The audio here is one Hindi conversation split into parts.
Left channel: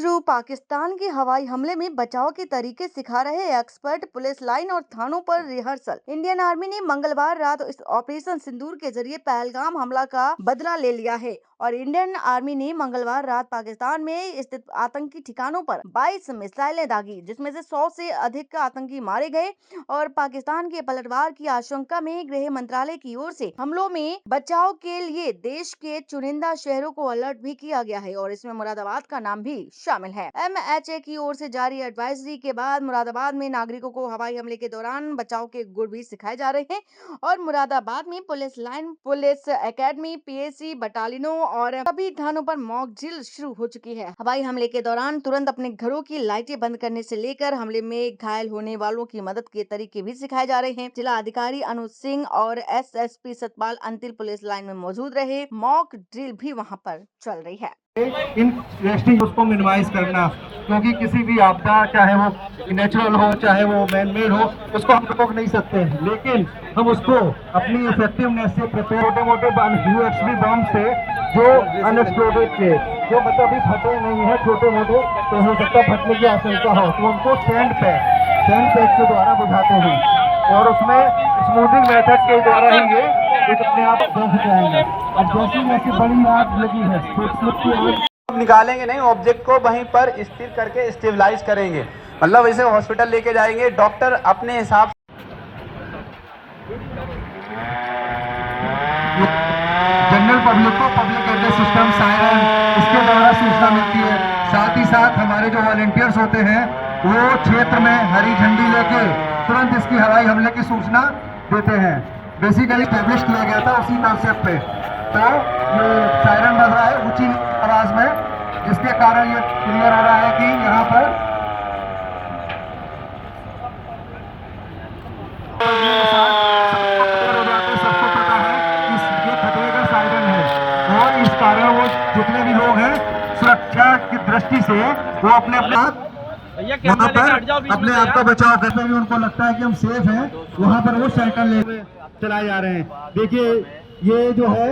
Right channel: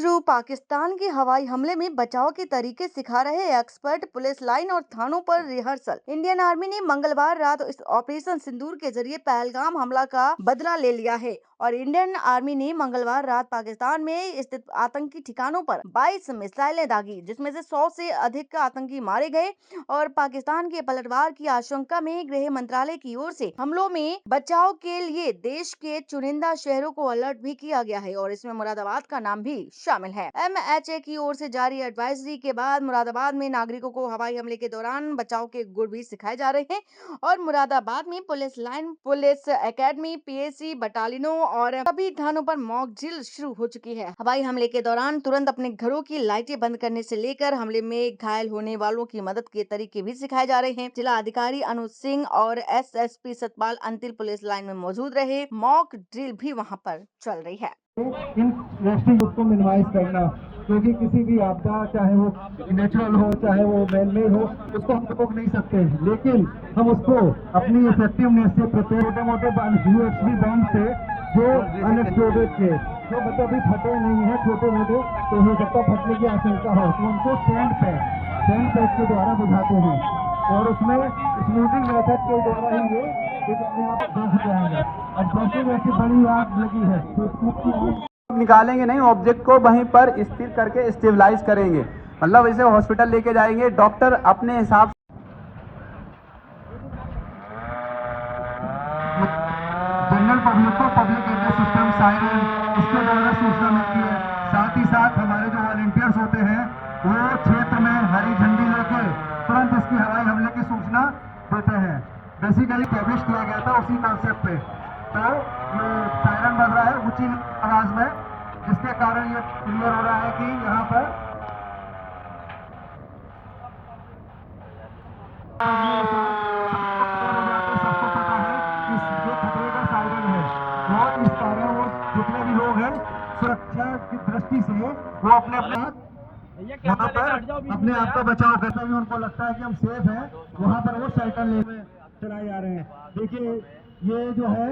शुरू पाकिस्तान के हवाई हमले में बचाव के तरीके सिखा रहे एक्सपर्ट, पुलिस लाइन और थानों पर रिहर्सल। इंडियन आर्मी ने मंगलवार रात इस ऑपरेशन सिंदूर के जरिए पहलगाम हमला का बदला ले लिया है और इंडियन आर्मी ने मंगलवार रात पाकिस्तान में स्थित आतंकी ठिकानों पर 22 मिसाइलें दागी, जिसमें से 100 से अधिक आतंकी मारे गए और पाकिस्तान के पलटवार की आशंका में गृह मंत्रालय की ओर से हमलों में बचाव के लिए देश के चुनिंदा शहरों को अलर्ट भी किया गया है और इसमें मुरादाबाद का नाम भी शामिल है। MHA की ओर से जारी एडवाइजरी के बाद मुरादाबाद में नागरिकों को हवाई हमले के दौरान बचाव के गुर भी सिखाए जा रहे हैं और मुरादाबाद में police line, police academy, PAC बटालियनों और सभी थानों पर मॉक ड्रिल शुरू हो चुकी है। हवाई हमले के दौरान तुरंत अपने घरों की लाइटें बंद करने से लेकर हमले में घायल होने वालों की मदद के तरीके भी सिखाए जा रहे हैं। जिला अधिकारी अनुज सिंह और SSP Satpal Antil police line में मौजूद रहे। मॉक ड्रिल भी वहां पर चल रही है। इन वेस्टिंग उसको मिनिमाइज करना, क्योंकि किसी भी आपदा, चाहे वो नेचुरल हो चाहे वो मैन मेड हो, उसको हम रोक नहीं सकते, लेकिन हम उसको अपनी इफेक्टिवनेस से छोटे मोटे UXV बम से जो अनएक्सप्लोडेड थे, जो मतलब अभी फटे नहीं है, छोटे मोटे, तो हो सकता फटने की आशंका हो, तो उनको सैंड पैक के द्वारा बुझाते हैं और उसमें स्मूथिंग मेथड के द्वारा ही ये अपने आप बच जाएंगे। अब जैसे बड़ी आग लगी है तो निकालेंगे नहीं, ऑब्जेक्ट को वहीं पर स्थिर करके स्टेबलाइज करेंगे, मतलब इसे हॉस्पिटल लेके जाएंगे, डॉक्टर अपने हिसाब जनरल पब्लिक को पब्लिक एड्रेस सिस्टम सायरन इसके द्वारा सूचना मिलती है। साथ ही साथ हमारे जो वॉलंटियर्स होते हैं वो क्षेत्र में हरी झंडी लेके तुरंत इसकी हवाई हमले की सूचना देते हैं। बेसिकली पब्लिश किया गया था उसी कॉन्सेप्ट पे, तो ये सायरन बज रहा है ऊंची आवाज में, जिसके कारण ये क्लियर हो रहा है कि यहाँ पर सबको पता है कि ये खतरे का सायरन है और इस कारण वो जितने भी लोग हैं सुरक्षा की दृष्टि से वो अपने वहाँ पर अपने आप का बचाव करते हुए, उनको लगता है कि हम सेफ हैं, वहाँ पर वो शेल्टर ले चलाए जा रहे हैं। देखिए ये जो है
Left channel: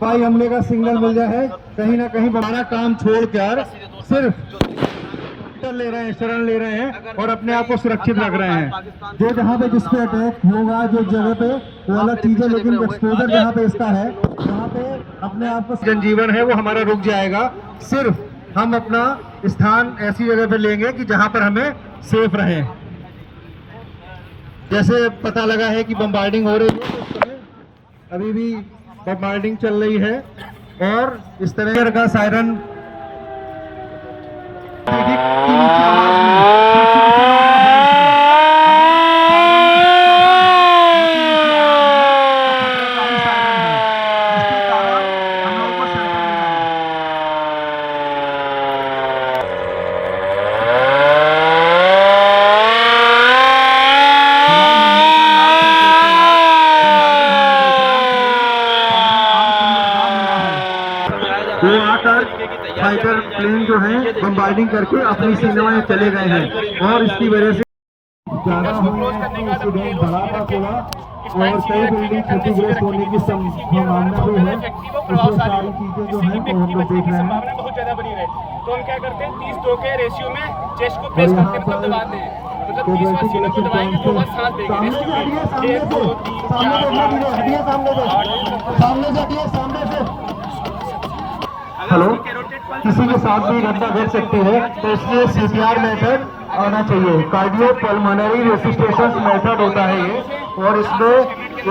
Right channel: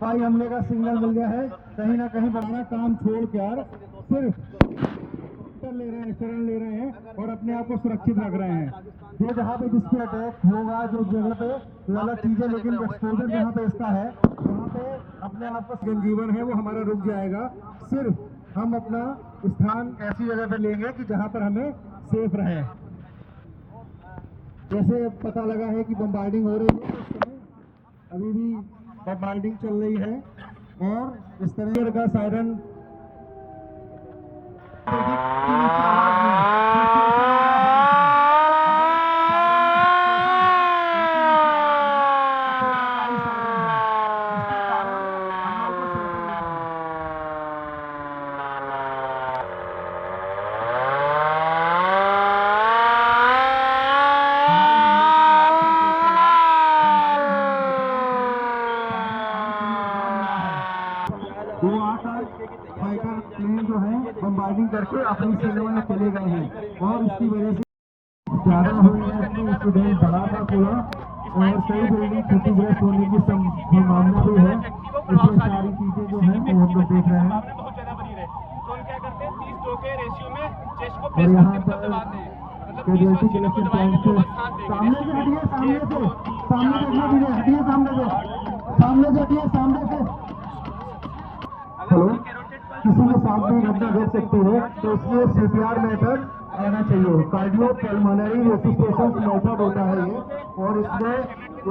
हवाई हमले का सिग्नल मिल गया है, कहीं ना कहीं हमारा काम छोड़कर सिर्फ ले रहे हैं, शरण ले रहे हैं और अपने आप को सुरक्षित रख रहे हैं। जो जहाँ पे जिस पे अटैक होगा, जो जगह पे वो अलग चीज है, लेकिन एक्सपोजर जहाँ पे इसका है वहाँ पे अपने आप को जनजीवन है वो हमारा रुक जाएगा। सिर्फ हम अपना स्थान ऐसी जगह पे लेंगे कि जहाँ पर हमें सेफ रहे। जैसे पता लगा है कि बम्बार्डिंग हो रही है, इस समय अभी भी बम्बार्डिंग चल रही है और इस तरह का सायरन वो आकर फाइटर प्लेन जो है बम्बार्डिंग करके अपनी सीमा में चले गए हैं और इसकी वजह से ज्यादा एक्सीडेंट हुआ और कई बिल्डिंग क्षतिग्रस्त होने की संभावना भी है। इससे सारी चीजें जो है वो हम लोग देख रहे हैं। बहुत ज्यादा बनी रहे तो हम क्या करते हैं 30-2 के रेशियो में चेस्ट को प्रेस करके मतलब दबाते हैं, मतलब 30 सीनों को दबाएंगे तो बस सांस लेंगे। हेलो, किसी के साथ भी घटना घट सकती है तो इसलिए CPR मेथड आना चाहिए। कार्डियो पल्मोनरी रेसिस्टेशन मेथड होता है ये, और इसमें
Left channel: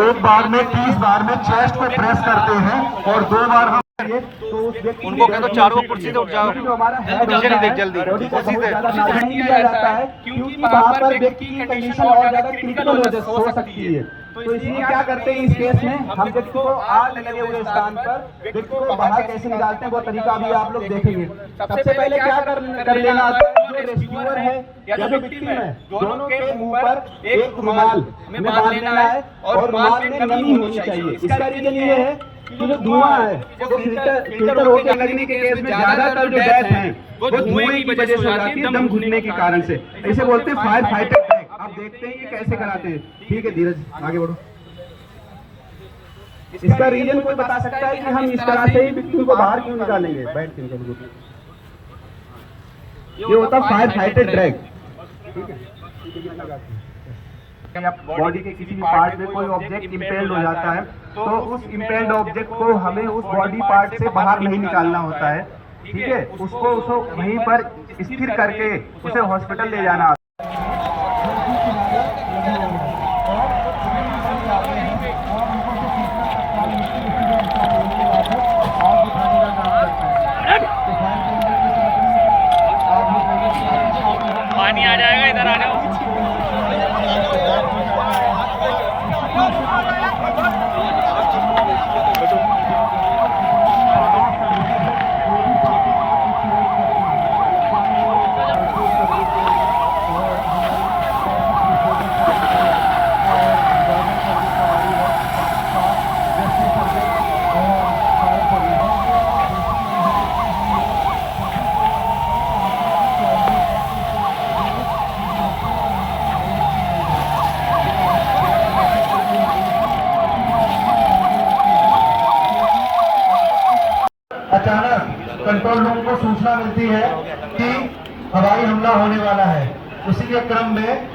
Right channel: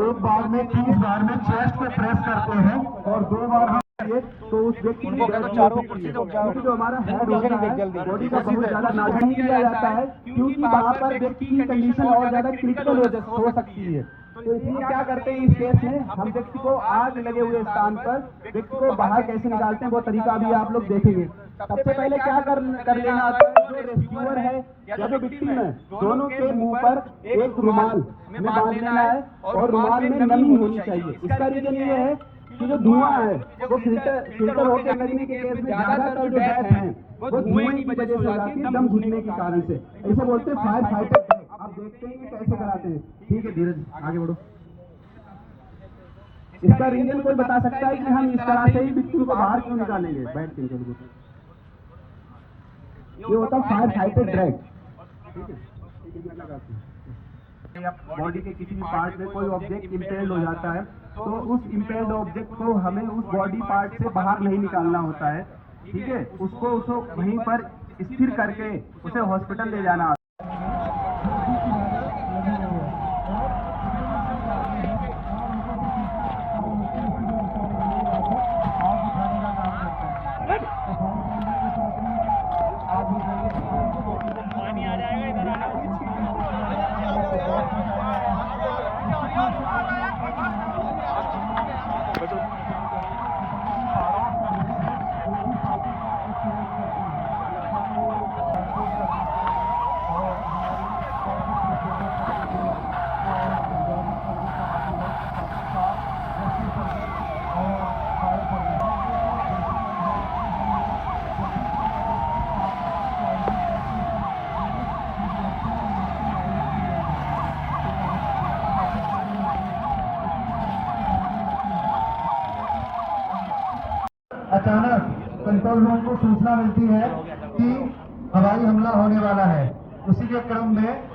एक बार में 30 बार में चेस्ट पे प्रेस करते हैं और 2 बार हम उनको कह दो चारों कुर्सी से उठ जाओ, पीछे नहीं देख जल्दी कुर्सी से हट दिया जाता है क्योंकि वहां पर व्यक्ति की कंडीशन और ज्यादा क्रिटिकल हो सकती है। तो इसलिए क्या करते हैं इस केस में, हम व्यक्ति को आग लगे हुए स्थान पर व्यक्ति को बाहर कैसे निकालते हैं वो तरीका भी आप लोग देखेंगे। सबसे पहले क्या कर लेना, जो रेस्क्यूअर है या जो विक्टिम है, दोनों के मुंह पर एक रुमाल में बांध लेना है और रुमाल में नमी होनी चाहिए। इसका रीजन ये है कि जो धुआं है वो फिल्टर होकर लगने के केस में ज्यादातर जो डेथ है वो धुएं की वजह से हो जाती है, दम घुटने के कारण से। ऐसे बोलते हैं फायर फाइटर टैग। आप देखते हैं ये कैसे कराते हैं। ठीक है धीरज, आगे बढ़ो। इसका रीजन कोई बता सकता है कि हम इस तरह से ही व्यक्ति को बाहर क्यों निकालेंगे? बैठ के ये होता है फायर फाइटर ड्रैग। बॉडी के किसी भी पार्ट में कोई ऑब्जेक्ट इम्पेल्ड हो जाता है तो उस इम्पेल्ड ऑब्जेक्ट को हमें उस बॉडी पार्ट से बाहर नहीं निकालना होता है, ठीक है। उसको वहीं पर स्थिर करके उसे हॉस्पिटल ले जाना। पानी आ जाएगा इधर आने। अचानक कंट्रोल रूम को सूचना मिलती है कि हवाई हमला होने वाला है। उसी के क्रम में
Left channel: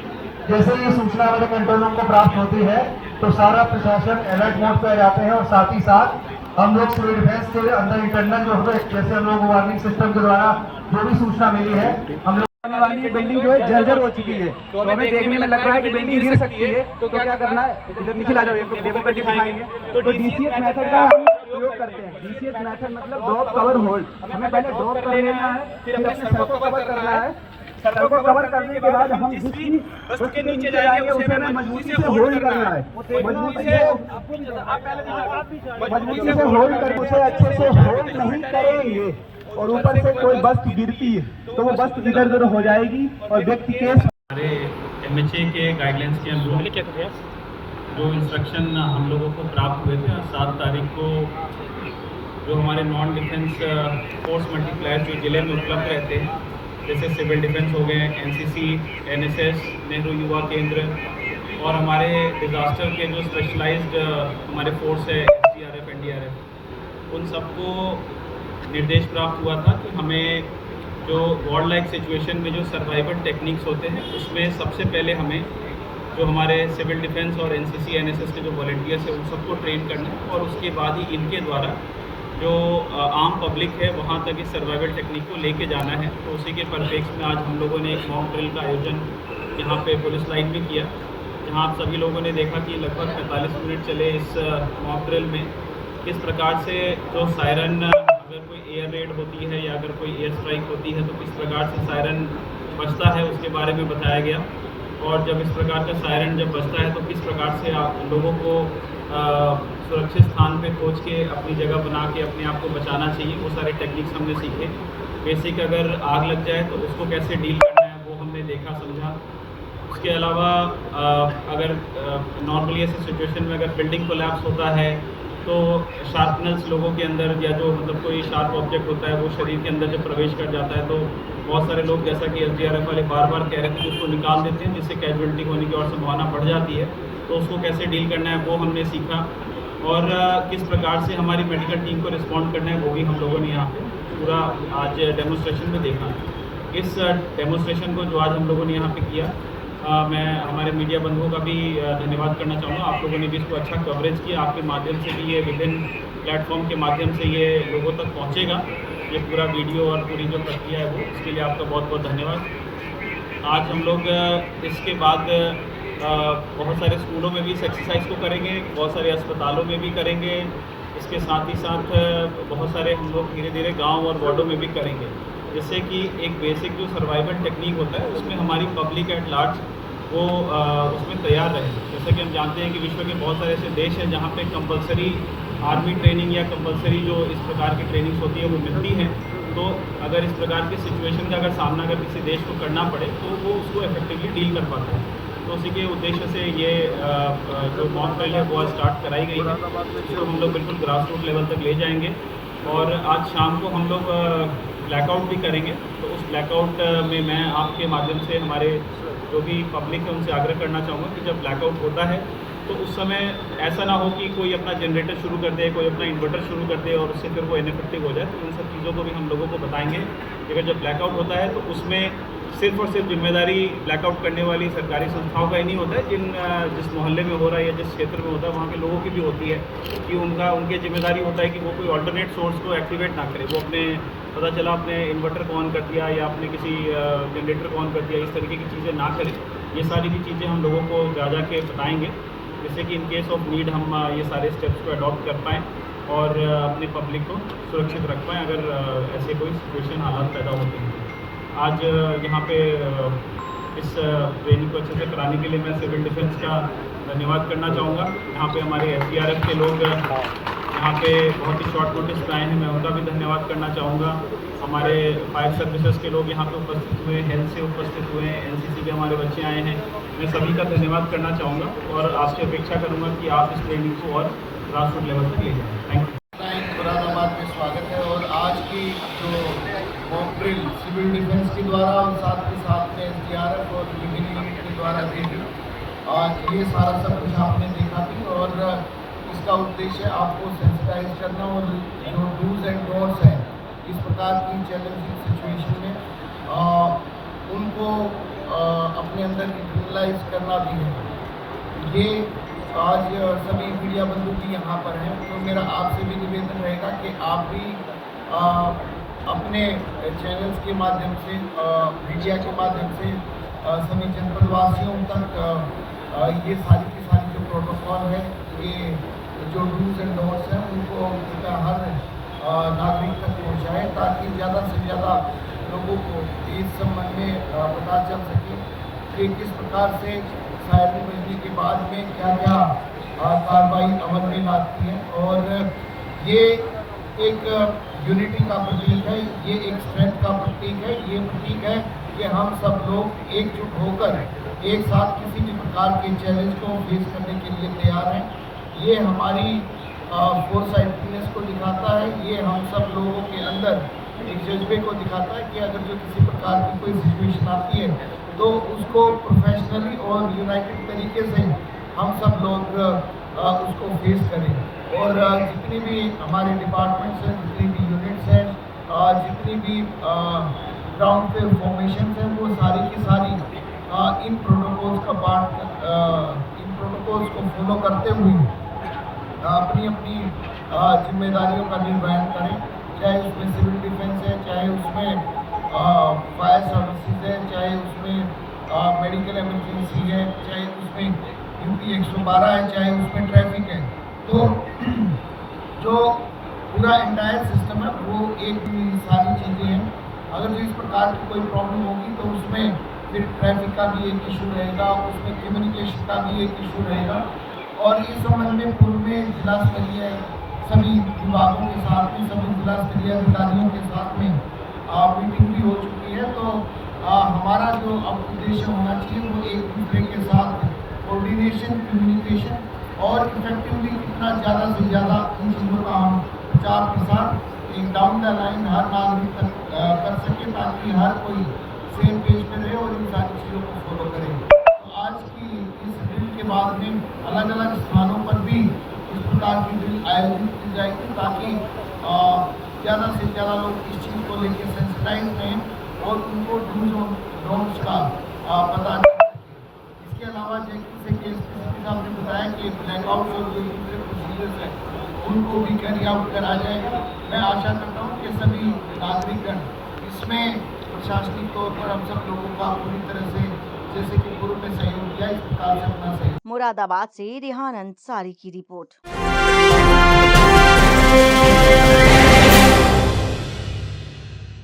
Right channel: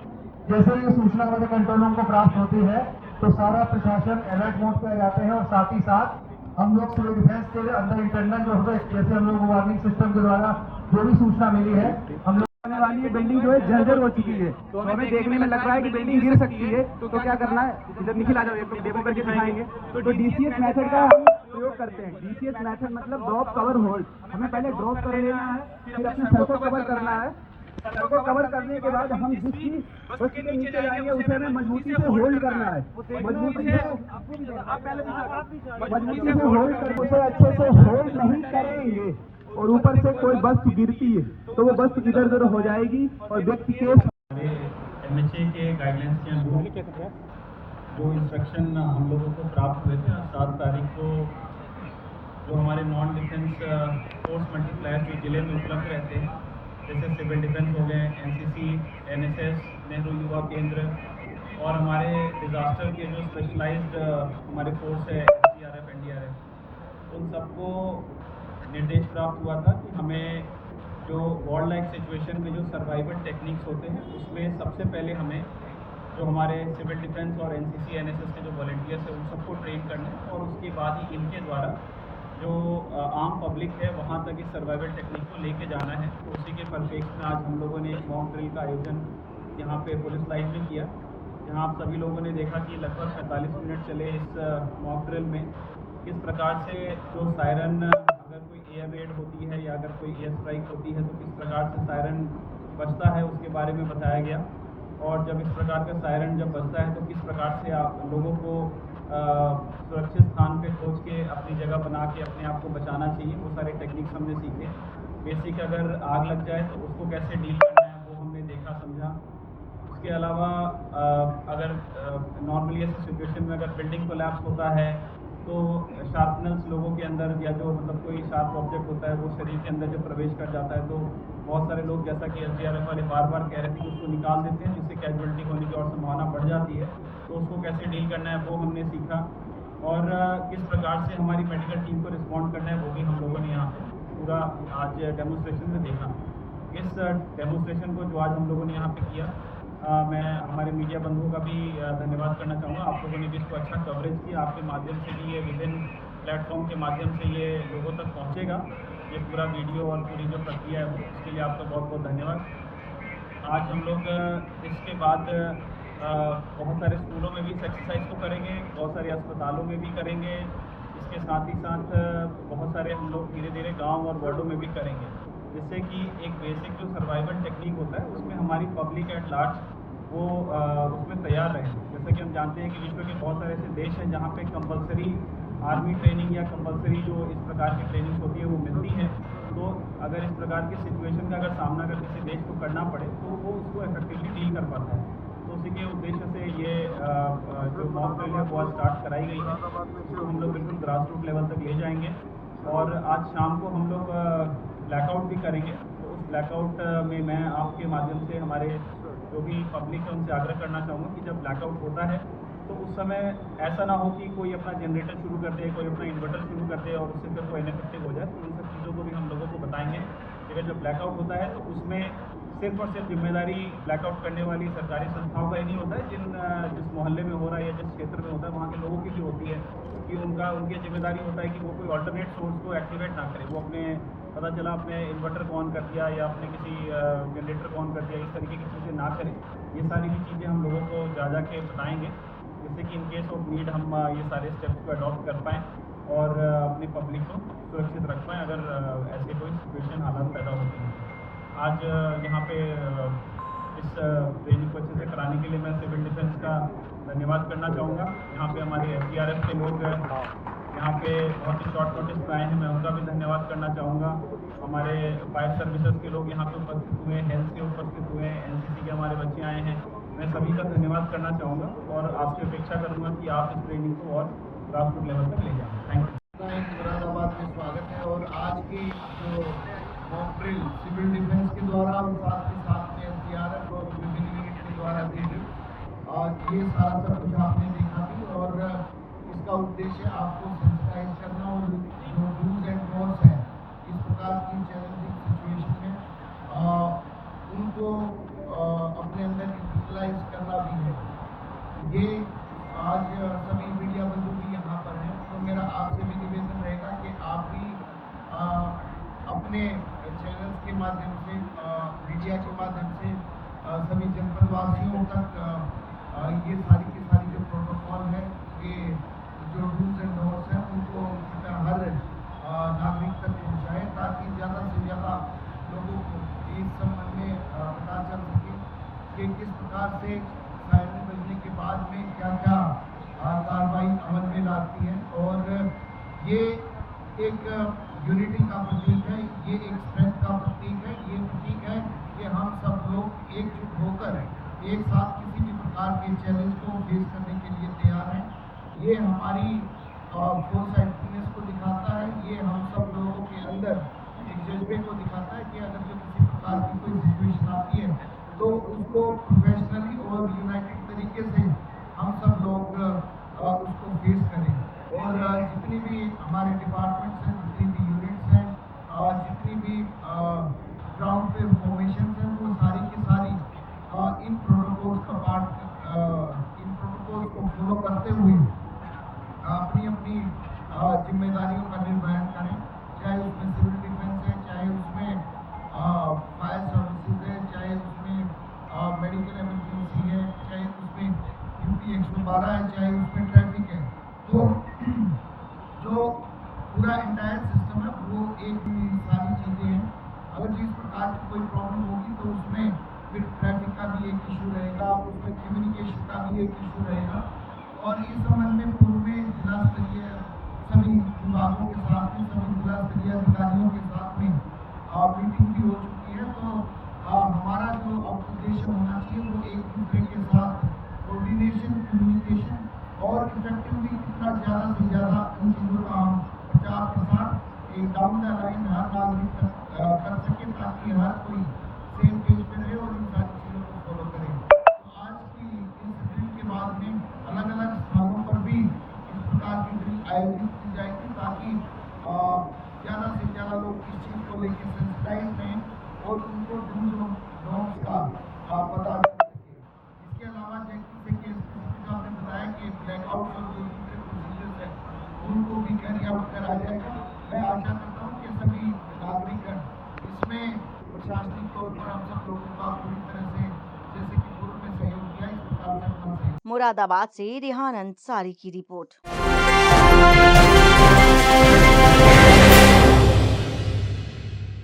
जैसे ये सूचना हमारे कंट्रोल रूम को प्राप्त होती है तो सारा प्रशासन अलर्ट मोड पर आ जाते हैं और साथ ही साथ हम लोग सिविल डिफेंस के अंदर इंटरनल जो है जैसे हम लोग वार्निंग सिस्टम के द्वारा जो भी सूचना मिली है हम लोग बिल्डिंग जो है जर्जर हो चुकी है तो हमें देखने में लग रहा है कि बिल्डिंग गिर सकती है, तो क्या करना है, नीचे ला जाओ दिखाएंगे। तो डीसीएस मेथड का हम प्रयोग करते हैं। डीसीएस मेथड मतलब ड्रॉप कवर होल्ड। हमें पहले ड्रॉप कर लेना है, फिर अपने सर को कवर करना है। सर को कवर करने के बाद हम उसके नीचे जाएंगे, उसे मजबूती से होल्ड करना है। मजबूती से होल्ड करके उसे अच्छे से होल्ड नहीं करेंगे और ऊपर से कोई वस्तु गिरती है तो वो वस्तु इधर उधर हो जाएगी और व्यक्ति के हमारे MHA के गाइडलाइंस के अनुरूप जो इंस्ट्रक्शन हम लोगों को प्राप्त हुए थे 7 तारीख को जो हमारे नॉन डिफेंस फोर्स मल्टीप्लायर जो जिले में उपलब्ध रहते हैं जैसे सिविल डिफेंस हो गए, NCC, NSS, नेहरू युवा केंद्र और हमारे डिज़ास्टर के जो स्पेशलाइज्ड हमारे फोर्स है SDRF, NDRF, उन सबको निर्देश प्राप्त हुआ था कि हमें जो वॉर लाइक सिचुएशन में जो सर्वाइवल टेक्निक्स होते हैं उसमें सबसे पहले हमें जो हमारे सिविल डिफेंस और NCC, NSS के जो वॉलंटियर्स हैं उन सबको ट्रेन करना है और उसके बाद ही इनके द्वारा जो आम पब्लिक है वहाँ तक इस सर्वाइवल टेक्निक को लेके जाना है। तो उसी के परिप्रेक्ष्य में आज हम लोगों ने एक मॉक ड्रिल का आयोजन यहाँ पे पुलिस लाइन में किया, जहाँ आप सभी लोगों ने देखा कि लगभग 45 मिनट चले इस मॉक ड्रिल में किस प्रकार से जो सायरन अगर कोई एयर रेड होती है या अगर कोई एयर स्ट्राइक होती है तो किस प्रकार से सायरन बजता है उसके बारे में बताया गया। और जब इस प्रकार का सायरन जब बजता है तो किस प्रकार से लोगों को सुरक्षित स्थान पे खोज के अपनी जगह बना के अपने आप को बचाना चाहिए, वो सारे टेक्निक्स हमने सीखे। बेसिक अगर आग लग जाए तो उसको कैसे डील करना है वो हमने देखा समझा। उसके अलावा अगर नॉर्मली ऐसी सिचुएशन में अगर बिल्डिंग कोलैप्स होता है तो शार्पनेस लोगों के अंदर या जो मतलब कोई शार्प ऑब्जेक्ट होता है वो शरीर के अंदर जब प्रवेश कर जाता है तो बहुत सारे लोग जैसा कि SDRF वाले बार बार कह रहे थे उसको निकाल देते हैं जिससे कैजुअलिटी होने की और संभावना बढ़ जाती है। तो उसको कैसे डील करना है वो हमने सीखा और किस प्रकार से हमारी मेडिकल टीम को रिस्पॉन्ड करना है वो भी हम लोगों ने यहाँ पे पूरा आज डेमोन्स्ट्रेशन में देखा। इस डेमोन्स्ट्रेशन को जो आज हम लोगों ने यहाँ पे किया मैं हमारे मीडिया बंधुओं का भी धन्यवाद करना चाहूँगा। आप लोगों ने भी इसको अच्छा कवरेज किया, आपके माध्यम से भी ये विभिन्न प्लेटफॉर्म के माध्यम से ये लोगों तक पहुँचेगा ये पूरा वीडियो और पूरी जो प्रक्रिया है वो, इसके लिए आपका बहुत बहुत धन्यवाद। आज हम लोग इसके बाद बहुत सारे स्कूलों में भी इस एक्सरसाइज को करेंगे, बहुत सारे अस्पतालों में भी करेंगे, इसके साथ ही साथ बहुत सारे हम लोग धीरे धीरे गाँव और वार्डों में भी करेंगे, जिससे कि एक बेसिक जो सर्वाइवल टेक्निक होता है उसमें हमारी पब्लिक एट लार्ज वो उसमें तैयार रहे। जैसे कि हम जानते हैं कि विश्व के बहुत सारे ऐसे देश हैं जहाँ पे कंपलसरी आर्मी ट्रेनिंग या कंपलसरी जो इस प्रकार की ट्रेनिंग्स होती है वो मिलती हैं। तो अगर इस प्रकार की सिचुएशन का अगर सामना अगर किसी देश को करना पड़े तो वो उसको इफेक्टिवली डील कर पाता है। तो उसी के उद्देश्य से ये जो मॉक ड्रिल है वो आज स्टार्ट कराई गई है, इसको हम लोग बिल्कुल ग्रास रूट लेवल तक ले जाएंगे और आज शाम को हम लोग ब्लैकआउट भी करेंगे। तो उस ब्लैकआउट में मैं आपके माध्यम से हमारे जो भी पब्लिक है उनसे आग्रह करना चाहूँगा कि जब ब्लैकआउट होता है तो उस समय ऐसा ना हो कि कोई अपना जनरेटर शुरू कर दे, कोई अपना इन्वर्टर शुरू कर दे और उससे फिर वो इनइफेक्टिव हो जाए। तो इन सब चीज़ों को भी हम लोगों को बताएंगे। लेकिन जब ब्लैकआउट होता है तो उसमें सिर्फ और सिर्फ जिम्मेदारी ब्लैकआउट करने वाली सरकारी संस्थाओं का ही नहीं होता है, जिस मोहल्ले में हो रहा है या जिस क्षेत्र में होता है वहाँ के लोगों की भी होती है कि उनकी जिम्मेदारी होता है कि वो कोई अल्टरनेट सोर्स को एक्टिवेट ना करे। वो अपने पता चला अपने इन्वर्टर को ऑन कर दिया या अपने किसी जनरेटर को ऑन कर दिया, इस तरीके की चीज़ें ना करें। ये सारी भी चीज़ें हम लोगों को जा के बताएँगे, जिससे कि इन केस ऑफ नीड हम ये सारे स्टेप्स को अडॉप्ट कर पाएँ और अपने पब्लिक को सुरक्षित रख पाएँ अगर ऐसे कोई सिचुएशन हालात पैदा होते हैं। आज यहाँ पे इस ट्रेनिंग को अच्छे से कराने के लिए मैं सिविल डिफेंस का धन्यवाद करना चाहूँगा। यहाँ पे हमारे SDRF के लोग यहाँ पे बहुत ही शॉर्ट नोटिस पे आए हैं, मैं उनका भी धन्यवाद करना चाहूँगा। हमारे फायर सर्विसेज के लोग यहाँ पे उपस्थित हुए, हेल्थ से उपस्थित हुए, NCC के हमारे बच्चे आए हैं, मैं सभी का धन्यवाद करना चाहूँगा और आपसे अपेक्षा करूँगा कि आप इस ट्रेनिंग को और ग्रासरूट लेवल पर ले जाएँ। Thank you. मुरादाबाद में स्वागत है और आज की जो मॉक ड्रिल सिविल डिफेंस के द्वारा और साथ के साथ में SDRF और विभिन्न यूनिट के द्वारा दी गई, आज ये सारा सब कुछ आपने देखा थी और इसका उद्देश्य आपको सेंसिटाइज करना और जो डूज एंड डोंट्स हैं इस प्रकार की चैलेंजिंग सिचुएशन में उनको अपने अंदर इंटरनलाइज करना भी है। ये आज सभी मीडिया बंधु भी यहाँ पर हैं, तो मेरा आपसे भी निवेदन रहेगा कि आप भी अपने चैनल्स के माध्यम से, मीडिया के माध्यम से सभी जनपदवासियों तक ये सारी की सारी जो प्रोटोकॉल है, ये जो डूज एंड डोंट्स हैं उनको हर नागरिक तक पहुँचाएँ ताकि ज़्यादा से ज़्यादा लोगों को इस संबंध में पता चल सके कि किस प्रकार से सायरन बजने के बाद में क्या क्या कार्रवाई अमल में लाती है। और ये एक यूनिटी का प्रतीक है, ये एक स्ट्रेंथ का प्रतीक है, ये प्रतीक है कि हम सब लोग एकजुट होकर एक साथ किसी भी प्रकार के चैलेंज को फेस करने के लिए तैयार हैं। ये हमारी फोरसाइटनेस को दिखाता है, ये हम सब लोगों के अंदर एक जज्बे को दिखाता है कि अगर जो किसी प्रकार की कोई सिचुएशन आती है तो उसको प्रोफेशनली और यूनाइटेड तरीके से हम सब लोग उसको फेस करें। और जितनी भी हमारे डिपार्टमेंट्स हैं, जितनी भी यूनिट्स हैं, जितनी भी ग्राउंड पे फॉर्मेशन हैं, वो सारी की सारी इन प्रोटोकॉल्स का इन प्रोटोकॉल्स को फॉलो करते हुए अपनी अपनी जिम्मेदारियों का निर्वहन करें, चाहे उसमें सिविल डिफेंस है, चाहे उसमें फायर सर्विसेज है, चाहे उसमें मेडिकल इमरजेंसी है, चाहे उसमें UP 112 है, चाहे उसमें ट्रैफिक है। तो जो पूरा एंटायर सिस्टम है वो एक सारी चीज़ें हैं। अगर जो इस प्रकार की कोई प्रॉब्लम होगी तो उसमें फिर ट्रैफिक का भी एक इशू रहेगा, उसमें कम्युनिकेशन का भी एक इशू रहेगा। और इस संबंध में पूर्व में जिला स्तरीय सभी विभागों के साथ में, सभी जिला स्तरीय अधिकारियों के साथ में मीटिंग भी हो चुकी है। तो हमारा जो अब उद्देश्य होना चाहिए वो एक दूसरे के साथ कोऑर्डिनेशन, कम्युनिकेशन और इफेक्टिवली कितना ज़्यादा से ज़्यादा इन चीज़ों का हम प्रचार प्रसार एक डाउन द लाइन हर नागरिक तक कर सके ताकि हर कोई सेम पेज पर रहे और इन सारी चीज़ों को फॉलो करे। तो आज की इस ड्रिल के बाद में अलग अलग स्थानों पर भी इस प्रकार की ड्रिल आयोजित की जाएगी ताकि ज़्यादा से ज़्यादा लोग इस चीज़ को लेकर सेंसिटाइज रहें और उनको डूज और डोंट्स का पता चल सके। इसके अलावा जैसे कि साहब ने बताया कि ब्लैकआउट और जो दूसरे प्रोसीजर्स हैं उनको भी कैरी आउट करा जाएगा। मैं आशा करता हूँ कि सभी नागरिकगण इसमें प्रशासनिक तौर पर हम सब लोगों का पूरी तरह से जैसे कि पूर्व में सहयोग किया, इस प्रकार से अपना सहयोग। मुरादाबाद से रेहान अंसारी की रिपोर्ट।